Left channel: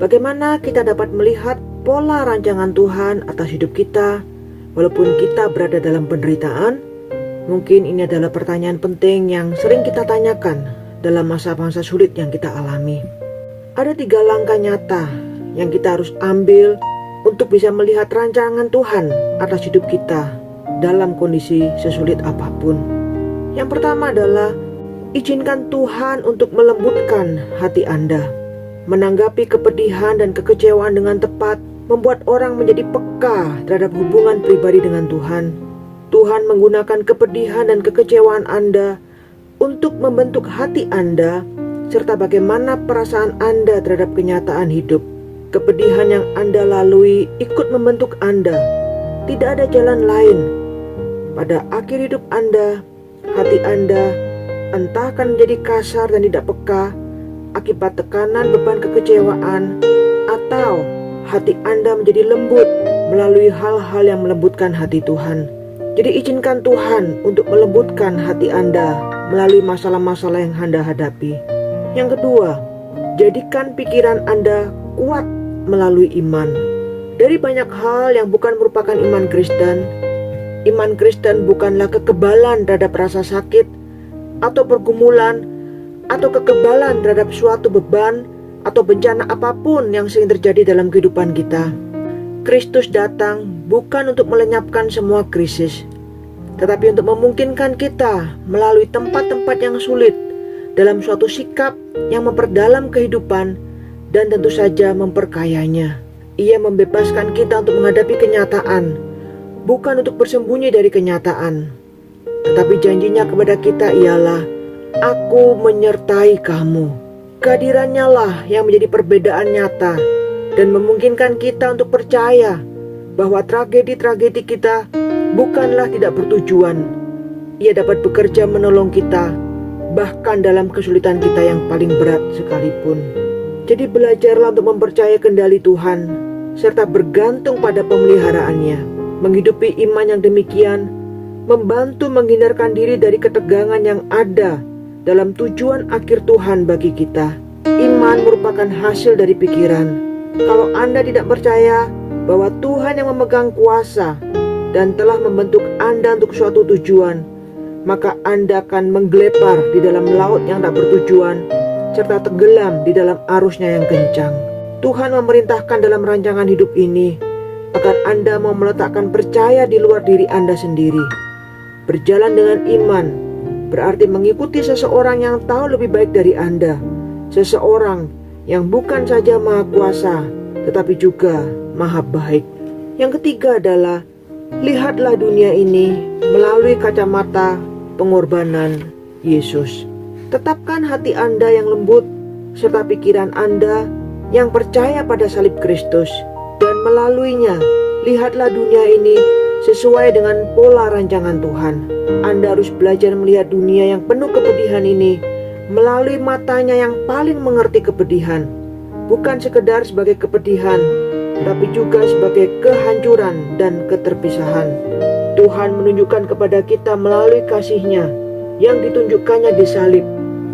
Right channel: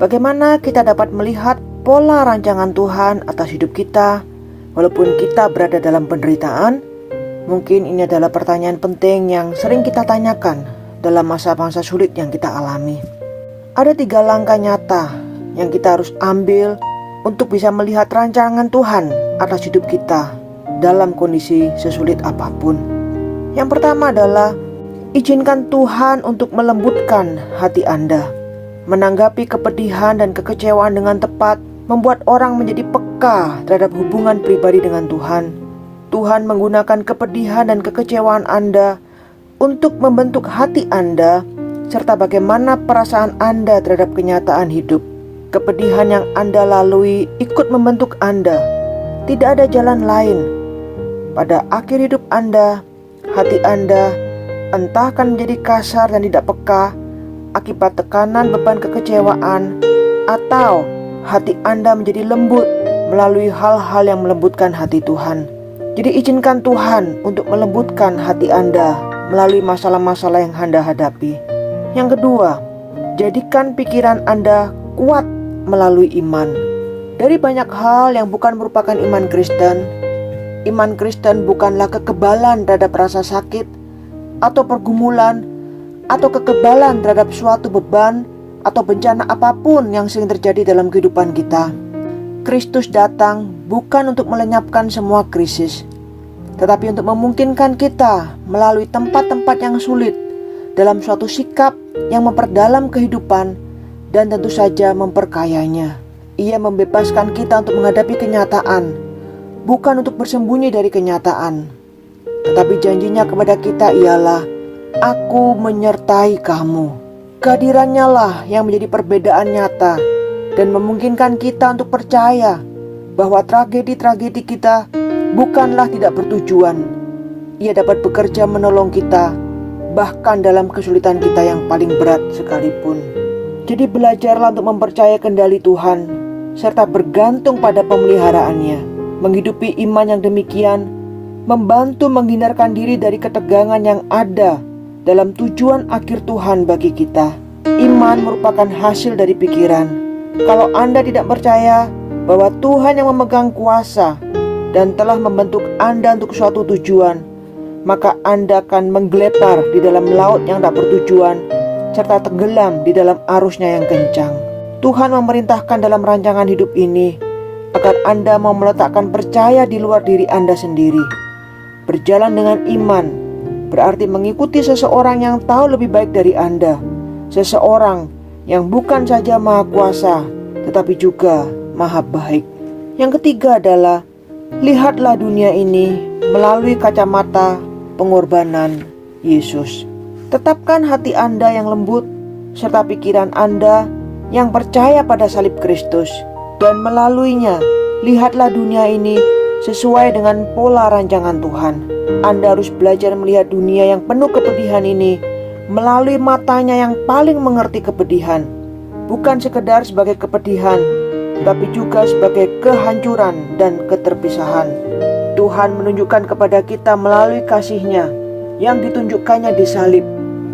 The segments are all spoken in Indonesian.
Bagaimana kita dapat melihat pola rancangan Tuhan atas hidup kita walaupun kita berada dalam penderitaan? Mungkin ini adalah pertanyaan penting yang sering kita tanyakan dalam masa-masa sulit yang kita alami. Ada 3 langkah nyata yang kita harus ambil untuk bisa melihat rancangan Tuhan atas hidup kita dalam kondisi sesulit apapun. Yang pertama adalah izinkan Tuhan untuk melembutkan hati Anda. Menanggapi kepedihan dan kekecewaan dengan tepat membuat orang menjadi peka terhadap hubungan pribadi dengan Tuhan. Tuhan menggunakan kepedihan dan kekecewaan Anda untuk membentuk hati Anda serta bagaimana perasaan Anda terhadap kenyataan hidup. Kepedihan yang Anda lalui ikut membentuk Anda. Tidak ada jalan lain. Pada akhir hidup Anda, hati Anda entah akan menjadi kasar dan tidak peka akibat tekanan beban kekecewaan, atau hati Anda menjadi lembut melalui hal-hal yang melembutkan hati Tuhan. Jadi izinkan Tuhan untuk melembutkan hati Anda melalui masalah-masalah yang Anda hadapi. Yang kedua, jadikan pikiran Anda kuat melalui iman. Dari banyak hal yang bukan merupakan iman Kristen bukanlah kekebalan terhadap rasa sakit atau pergumulan atau kekebalan terhadap suatu beban atau bencana apapun yang sering terjadi dalam kehidupan kita. Kristus datang bukan untuk melenyapkan semua krisis, tetapi untuk memungkinkan kita melalui tempat-tempat yang sulit dalam suatu sikap yang memperdalam kehidupan dan tentu saja memperkayanya. Ia membebaskan kita untuk menghadapi kenyataan, bukan untuk bersembunyi dari kenyataan. Tetapi janjinya kepada kita ialah, "Aku menyertai kamu." Kehadirannya lah yang menjadi perbedaan nyata dan memungkinkan kita untuk percaya bahwa tragedi-tragedi kita bukanlah tidak bertujuan. Ia dapat bekerja menolong kita, bahkan dalam kesulitan kita yang paling berat sekalipun. Jadi belajarlah untuk mempercayai kendali Tuhan, serta bergantung pada pemeliharaannya. Menghidupi iman yang demikian, membantu menghindarkan diri dari ketegangan yang ada dalam tujuan akhir Tuhan bagi kita. Iman merupakan hasil dari pikiran. Kalau Anda tidak percaya bahwa Tuhan yang memegang kuasa dan telah membentuk Anda untuk suatu tujuan, maka Anda akan menggelepar di dalam laut yang tak bertujuan, serta tenggelam di dalam arusnya yang kencang. Tuhan memerintahkan dalam rancangan hidup ini agar Anda mau meletakkan percaya di luar diri Anda sendiri. Berjalan dengan iman berarti mengikuti seseorang yang tahu lebih baik dari Anda, seseorang yang bukan saja maha kuasa tetapi juga maha baik. Yang ketiga adalah lihatlah dunia ini melalui kacamata pengorbanan Yesus. Tetapkan hati Anda yang lembut serta pikiran Anda yang percaya pada salib Kristus, dan melaluinya lihatlah dunia ini sesuai dengan pola rancangan Tuhan. Anda harus belajar melihat dunia yang penuh kepedihan ini melalui matanya yang paling mengerti kepedihan, bukan sekedar sebagai kepedihan, tetapi juga sebagai kehancuran dan keterpisahan. Tuhan menunjukkan kepada kita melalui kasih-Nya yang ditunjukkannya di salib,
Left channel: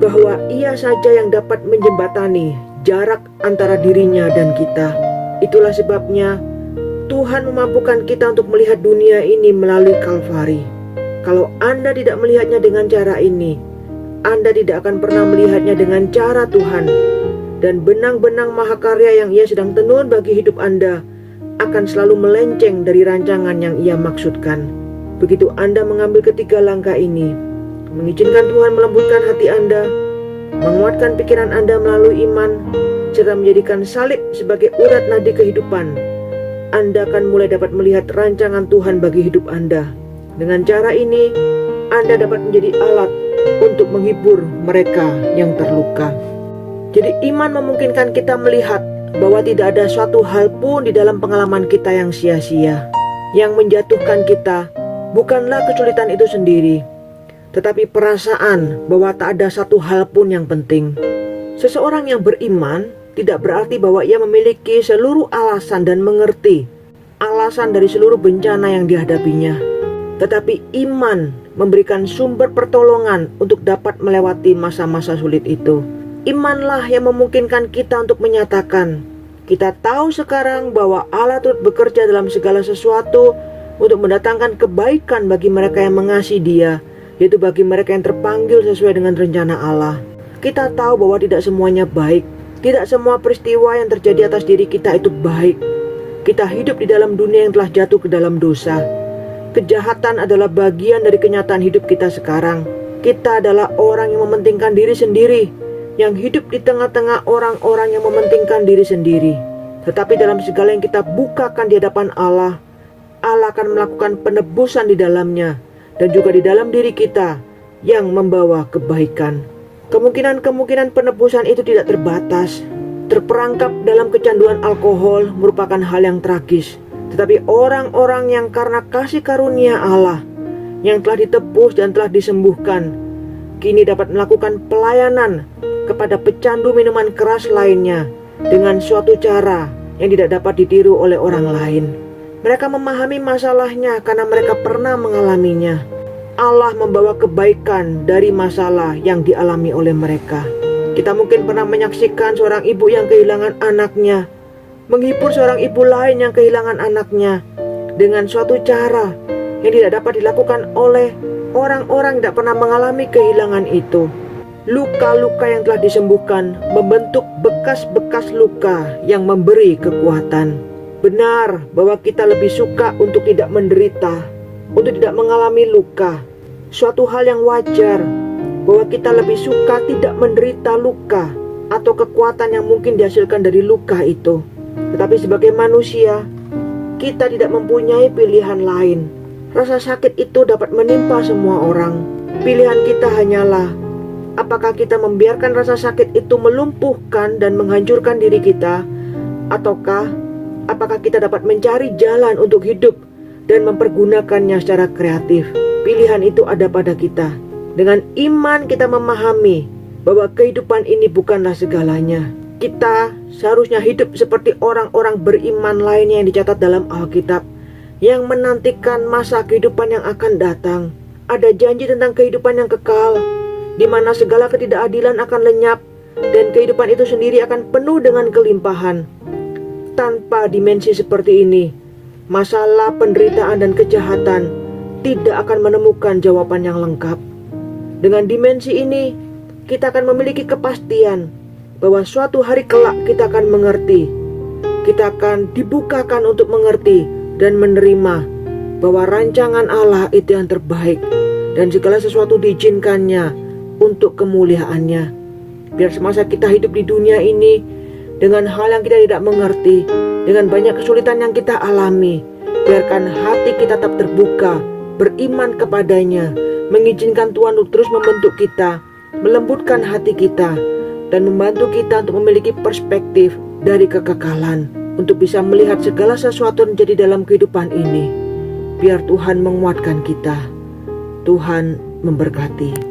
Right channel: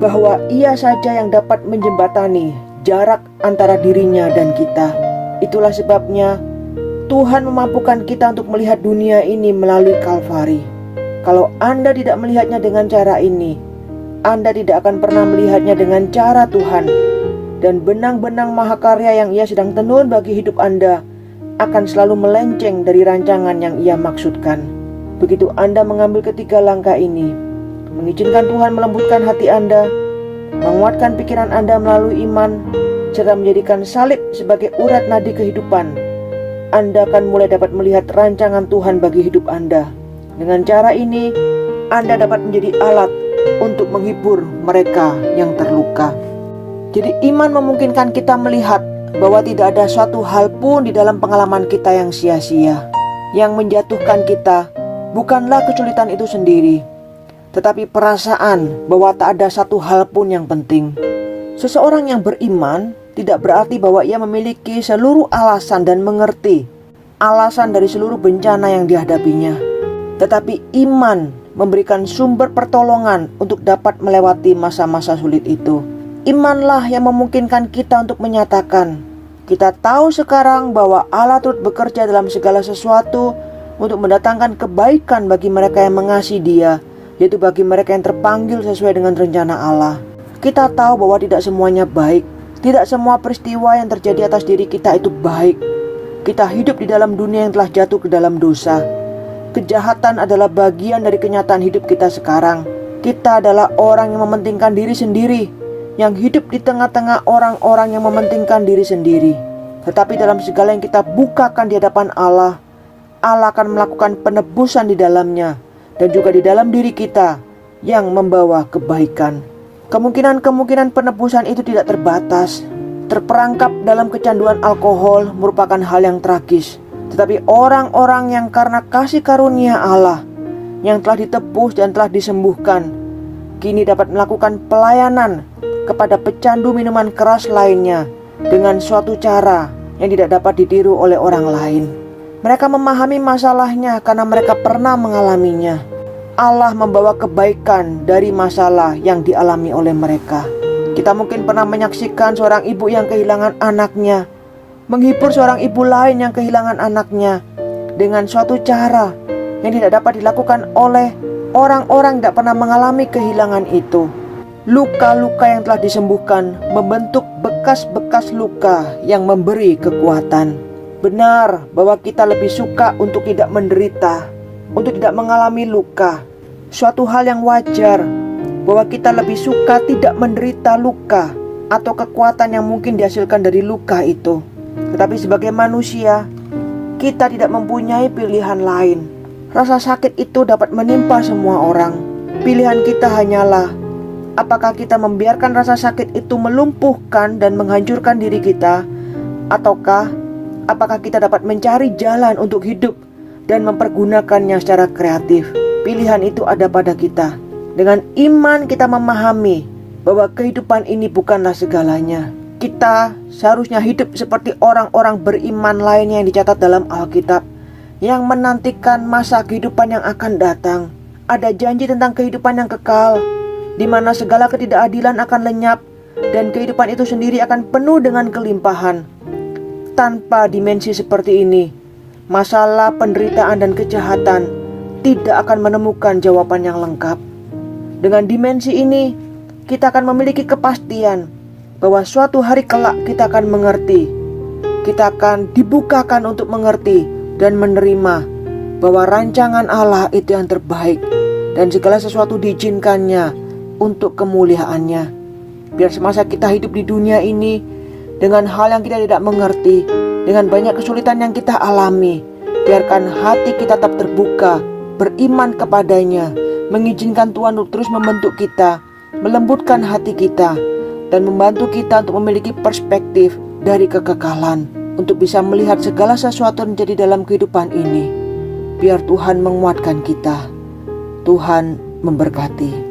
bahwa Ia saja yang dapat menjembatani jarak antara dirinya dan kita. Itulah sebabnya Tuhan memampukan kita untuk melihat dunia ini melalui Kalvari. Kalau Anda tidak melihatnya dengan cara ini, Anda tidak akan pernah melihatnya dengan cara Tuhan. Dan benang-benang mahakarya yang Ia sedang tenun bagi hidup Anda akan selalu melenceng dari rancangan yang Ia maksudkan. Begitu Anda mengambil ketiga langkah ini, mengizinkan Tuhan melembutkan hati Anda, menguatkan pikiran Anda melalui iman, serta menjadikan salib sebagai urat nadi kehidupan, Anda akan mulai dapat melihat rancangan Tuhan bagi hidup Anda. Dengan cara ini, Anda dapat menjadi alat untuk menghibur mereka yang terluka. Jadi iman memungkinkan kita melihat bahwa tidak ada suatu hal pun di dalam pengalaman kita yang sia-sia. Yang menjatuhkan kita bukanlah kesulitan itu sendiri, tetapi perasaan bahwa tak ada satu hal pun yang penting. Seseorang yang beriman tidak berarti bahwa ia memiliki seluruh alasan dan mengerti alasan dari seluruh bencana yang dihadapinya. Tetapi iman memberikan sumber pertolongan untuk dapat melewati masa-masa sulit itu. Imanlah yang memungkinkan kita untuk menyatakan Kita tahu sekarang bahwa Allah turut bekerja dalam segala sesuatu untuk mendatangkan kebaikan bagi mereka yang mengasihi Dia, yaitu bagi mereka yang terpanggil sesuai dengan rencana Allah. Kita tahu bahwa tidak semuanya baik. Tidak semua peristiwa yang terjadi atas diri kita itu baik. Kita hidup di dalam dunia yang telah jatuh ke dalam dosa. Kejahatan adalah bagian dari kenyataan hidup kita sekarang. Kita adalah orang yang mementingkan diri sendiri, yang hidup di tengah-tengah orang-orang yang mementingkan diri sendiri. Tetapi dalam segala yang kita bukakan di hadapan Allah, Allah akan melakukan penebusan di dalamnya dan juga di dalam diri kita yang membawa kebaikan. Kemungkinan penebusan itu tidak terbatas. Terperangkap dalam kecanduan alkohol merupakan hal yang tragis. Tetapi orang-orang yang karena kasih karunia Allah yang telah ditebus dan telah disembuhkan, kini dapat melakukan pelayanan kepada pecandu minuman keras lainnya dengan suatu cara yang tidak dapat ditiru oleh orang lain. Mereka memahami masalahnya karena mereka pernah mengalaminya. Allah membawa kebaikan dari masalah yang dialami oleh mereka. Kita mungkin pernah menyaksikan seorang ibu yang kehilangan anaknya, menghibur seorang ibu lain yang kehilangan anaknya dengan suatu cara yang tidak dapat dilakukan oleh orang-orang yang tidak pernah mengalami kehilangan itu. Luka-luka yang telah disembuhkan membentuk bekas-bekas luka yang memberi kekuatan. Benar bahwa kita lebih suka untuk tidak menderita, untuk tidak mengalami luka. Suatu hal yang wajar bahwa kita lebih suka tidak menderita luka atau kekuatan yang mungkin dihasilkan dari luka itu. Tetapi sebagai manusia, kita tidak mempunyai pilihan lain. Rasa sakit itu dapat menimpa semua orang. Pilihan kita hanyalah apakah kita membiarkan rasa sakit itu melumpuhkan dan menghancurkan diri kita, ataukah apakah kita dapat mencari jalan untuk hidup dan mempergunakannya secara kreatif. Pilihan itu ada pada kita. Dengan iman kita memahami bahwa kehidupan ini bukanlah segalanya. Kita seharusnya hidup seperti orang-orang beriman lainnya yang dicatat dalam Alkitab, yang menantikan masa kehidupan yang akan datang. Ada janji tentang kehidupan yang kekal, di mana segala ketidakadilan akan lenyap dan kehidupan itu sendiri akan penuh dengan kelimpahan. Tanpa dimensi seperti ini, masalah, penderitaan, dan kejahatan tidak akan menemukan jawaban yang lengkap. Dengan dimensi ini, kita akan memiliki kepastian bahwa suatu hari kelak kita akan mengerti. Kita akan dibukakan untuk mengerti dan menerima bahwa rancangan Allah itu yang terbaik dan segala sesuatu diizinkannya untuk kemuliaannya. Biar semasa kita hidup di dunia ini dengan hal yang kita tidak mengerti, dengan banyak kesulitan yang kita alami, biarkan hati kita tetap terbuka, beriman kepadanya, mengizinkan Tuhan untuk terus membentuk kita, melembutkan hati kita, dan membantu kita untuk memiliki perspektif dari kekekalan, untuk bisa melihat segala sesuatu yang terjadi dalam kehidupan ini. Biar Tuhan menguatkan kita. Tuhan memberkati.